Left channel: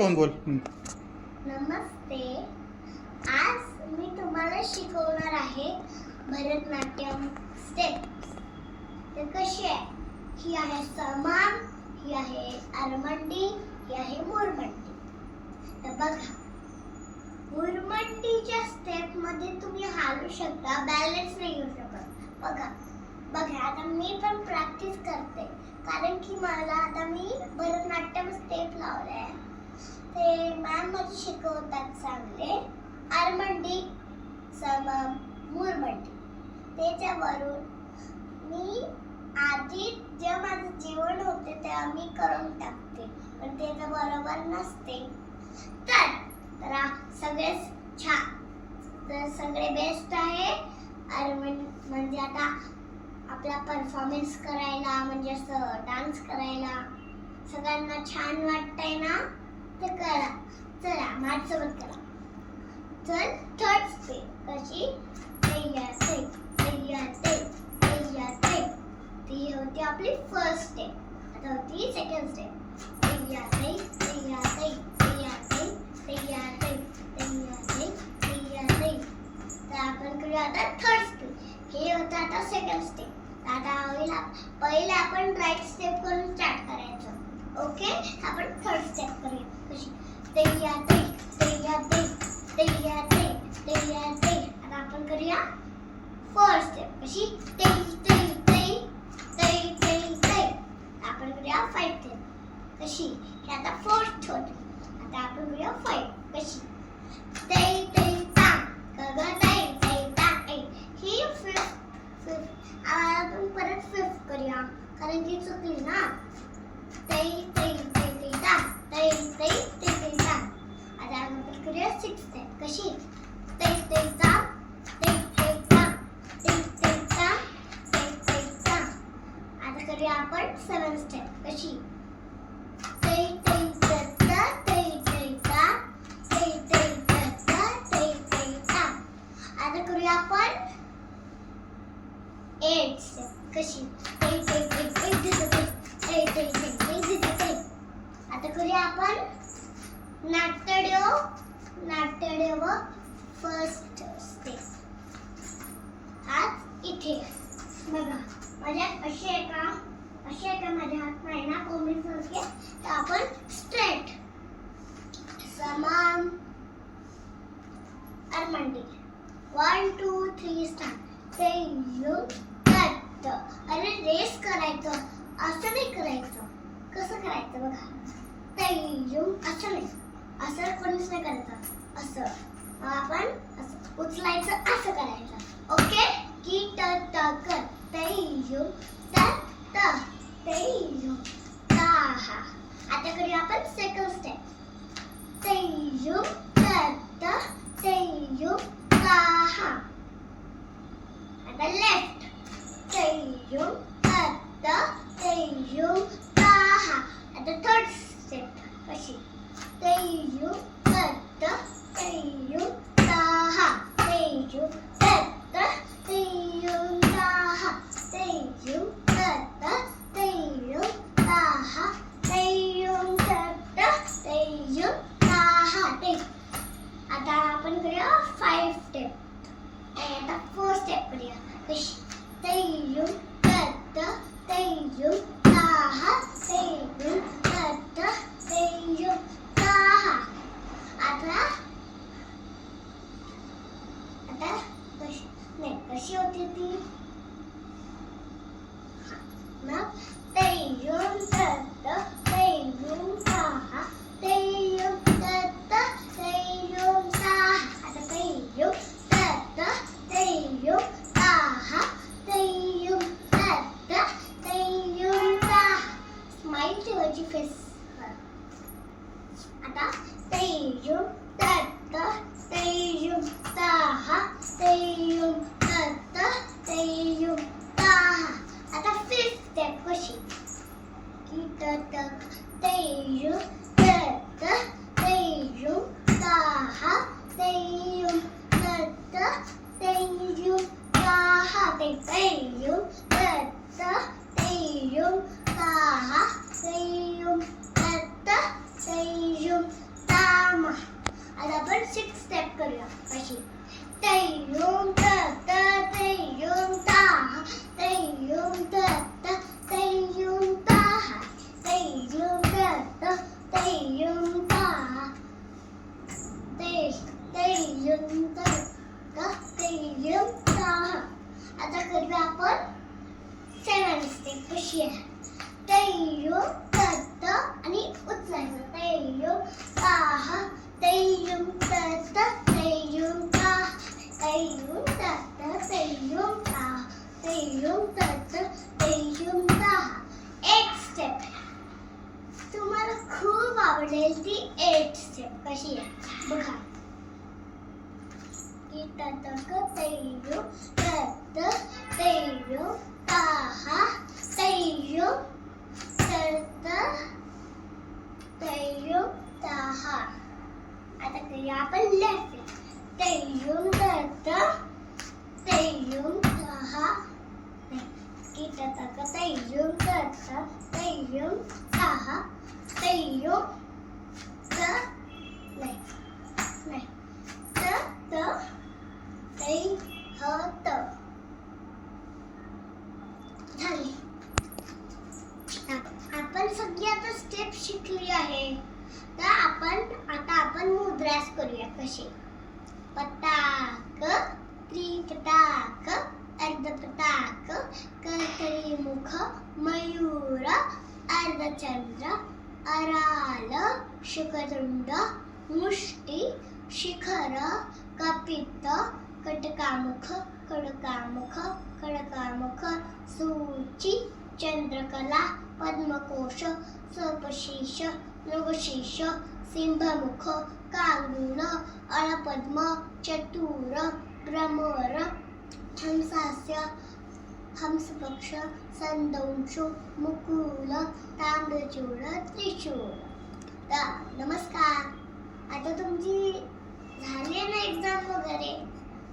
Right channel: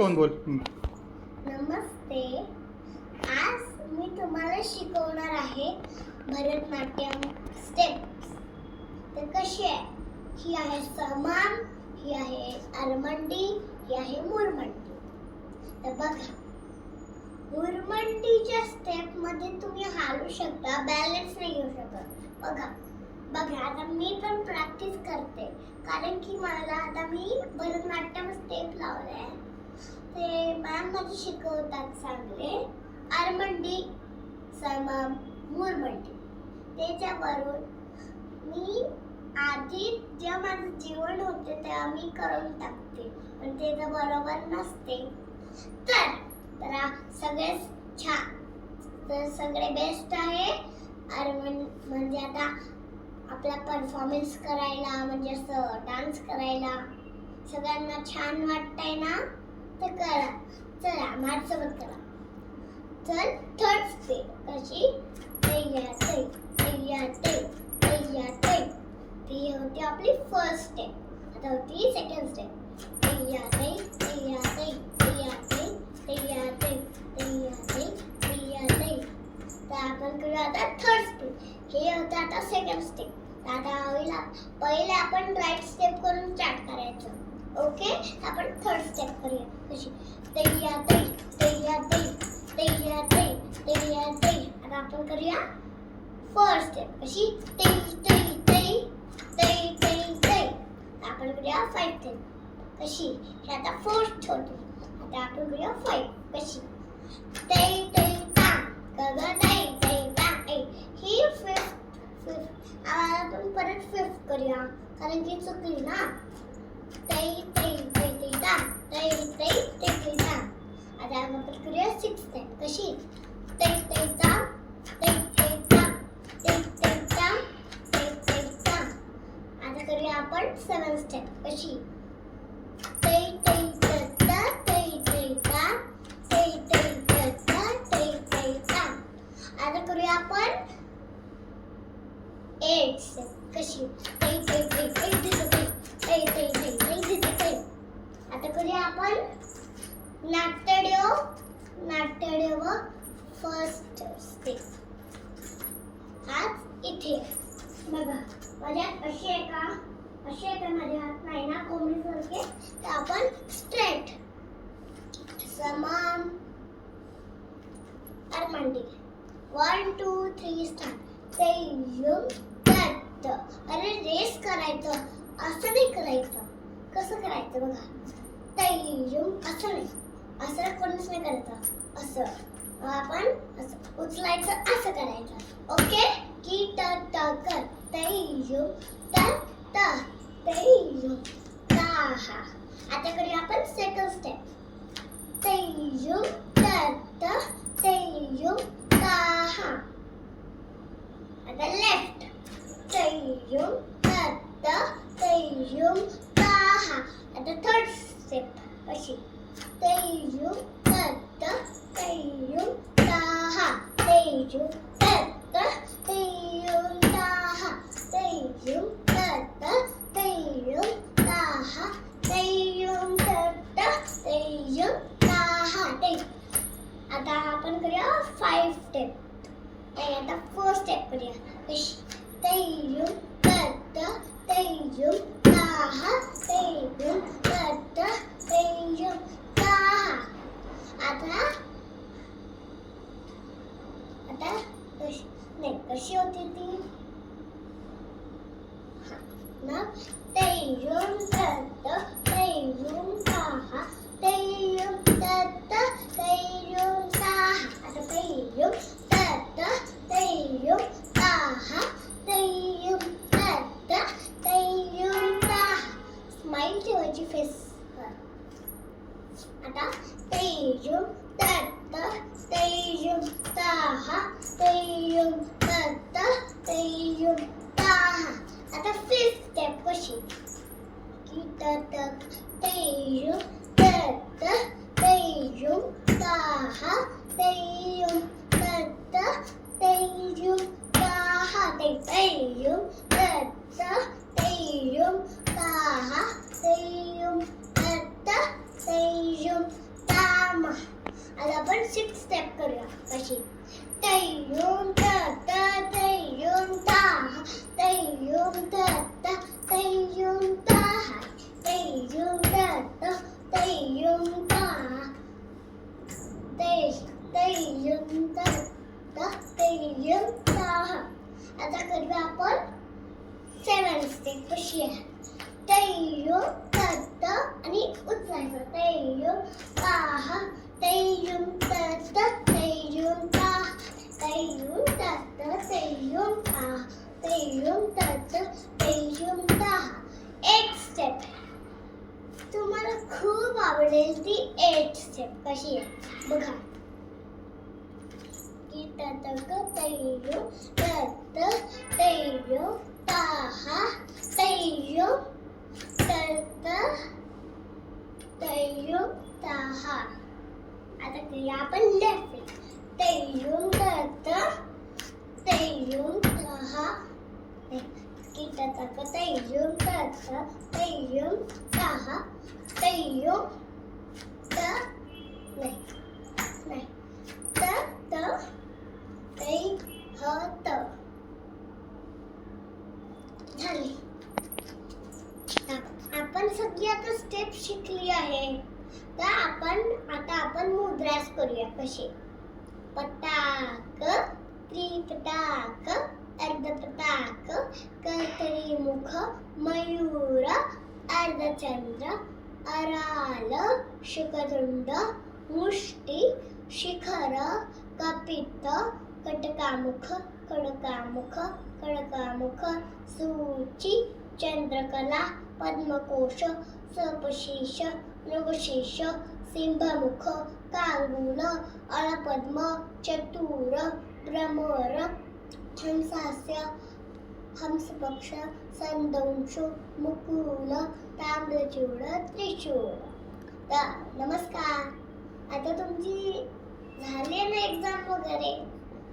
Phone बोल. नमस्ते. आज मी तुम्हाला शिकवणार आहे भरतनाट्यम स्टेप्स. तर कशी आहे? ही आहे समाम, ही आहे आरमंडी, ही आहे मुरमंडी. तर बघा, मुरमंडीच्या स्टेप मध्ये तुम्ही हालू शकता, बॅलन्स नाही घेऊ शकत. बघा आता मी पण प्रॅक्टिस करते, कारण की मला आता मी भरतनाट्यम स्टेप लावले. ते मॅम माझे शिकवतात चांगले. आरमंडी, समाम, मुरमंडी. त्याच्यावरून मी आधी जे माझं जेवण होते ते आम्ही करून टाकते, पण ते तर बरोबर नसते. तर सगळेच छान, तर सगळे बेस्ट आहे. म्हणजे आता आपला परफॉर्मन्स करायला, म्हणजे असं डान्स करायला सगळ्यांना छान वाटतंय ना? तर करा. चला माझ्यासोबत करा. चल, थर्ड स्टेप कशी? तैयार ती होती आपली फर्स्ट स्टेप. आता होती सेकंड स्टेप. तर आपण करूया आता थर्ड स्टेप. हे होतं आता सेकंड स्टेप. आता होईल, पहिले आपण राईट स्टेप करून स्टार्ट करायचं. ओके, आपण थर्ड स्टेप करूया. कशी? तैयार. आता आपण करूया फर्स्ट स्टेप. कशी? आपण करूया फाइव स्टेप. कशी? हे आता फोर्थ होते. आता आपण करूया फाइव. कशी? ही फिफ्थ. आपण परत फिफ्थ करूया, कारण की चुकली ना. आता आपण करूया सिक्स स्टेप. कशी? आता करूया आपण सेवन स्टेप. कशी? आता करूया आपण एट स्टेप. कशी? आता करूया आपण नाट्यदेव फर्स्ट स्टेप. हात इथे बघा, माझ्या अशी आहे का माझ्या हात नाही ना कोंबडीसारखे. तर आपण स्ट्रेट. समाम, आरमंडी. 1 2 3 स्टार्ट. अरे रेस करायचं, असं नाही करायचं. कसं करायचं बघा. असं नाही, असं कोणीच नाही करायचं. असं आपण असं उचलायचं, असं करायचं. ओके, की ट कर. आता करूया आपण सेकंड स्टेप. आता लेफ्ट. आता थर्ड स्टेप. कशी? आता आपण करूया फाइव स्टेप. आता फोर स्टेप करूया. कशी? आता कशी होती ती? मग स्माइल ठेवायची फेस. आता आता फिफ्थ स्टेप. कशी? की आता आपण 6 स्टेप करूया. कशी? तय्युम त त तय्युम ता तय्युम त त तय्युम ता तय्युम त त तय्युम ता तय्युम त त तय्युम ता. आता करूया आपण 7 स्टेप. कशी आहे? तय्युम त त आणि उचलायचं. तय्युम ता तय्युम त त तय्युम ता तय्युम त त तय्युम ता तय्युम त त तय्युम ता. 8 स्टेप तुम्हाला खूप आवडेल ती 8 स्टेप. कशी आहे बघा. की त त क तय्युम त त तय्युम ता तय्युम त त तय्युम ता. आता करूया आपण लेफ्ट. तय्युम त त तय्युम ता की त त क तय्युम त त तय्युम ता तय्युम त नाही नाही त त तै ह त. झाली. आपण सगळी आता स्टेप शिकली आहे. तर आता आपण मुद्रास करूया. कशी? पताक त्रिपताक अर्धपताक कर्करीमुख मयूर अर्धचंद्र अराल शुकदुंड मुष्टी शिखर कपित कटकामुख खडकामुख खडकामुख सूची चंद्रकला पद्मकोश सपशीष मृगशीष सिंहमुख कांगूल अलपद्म चतुर भ्रमर हंसास्य हंसपक्ष संदंशु मुकुल ताम्रचूड त्रिशूळ. तर नमस्कार. आता तुमची झाली ना एक्झाम वगैरे.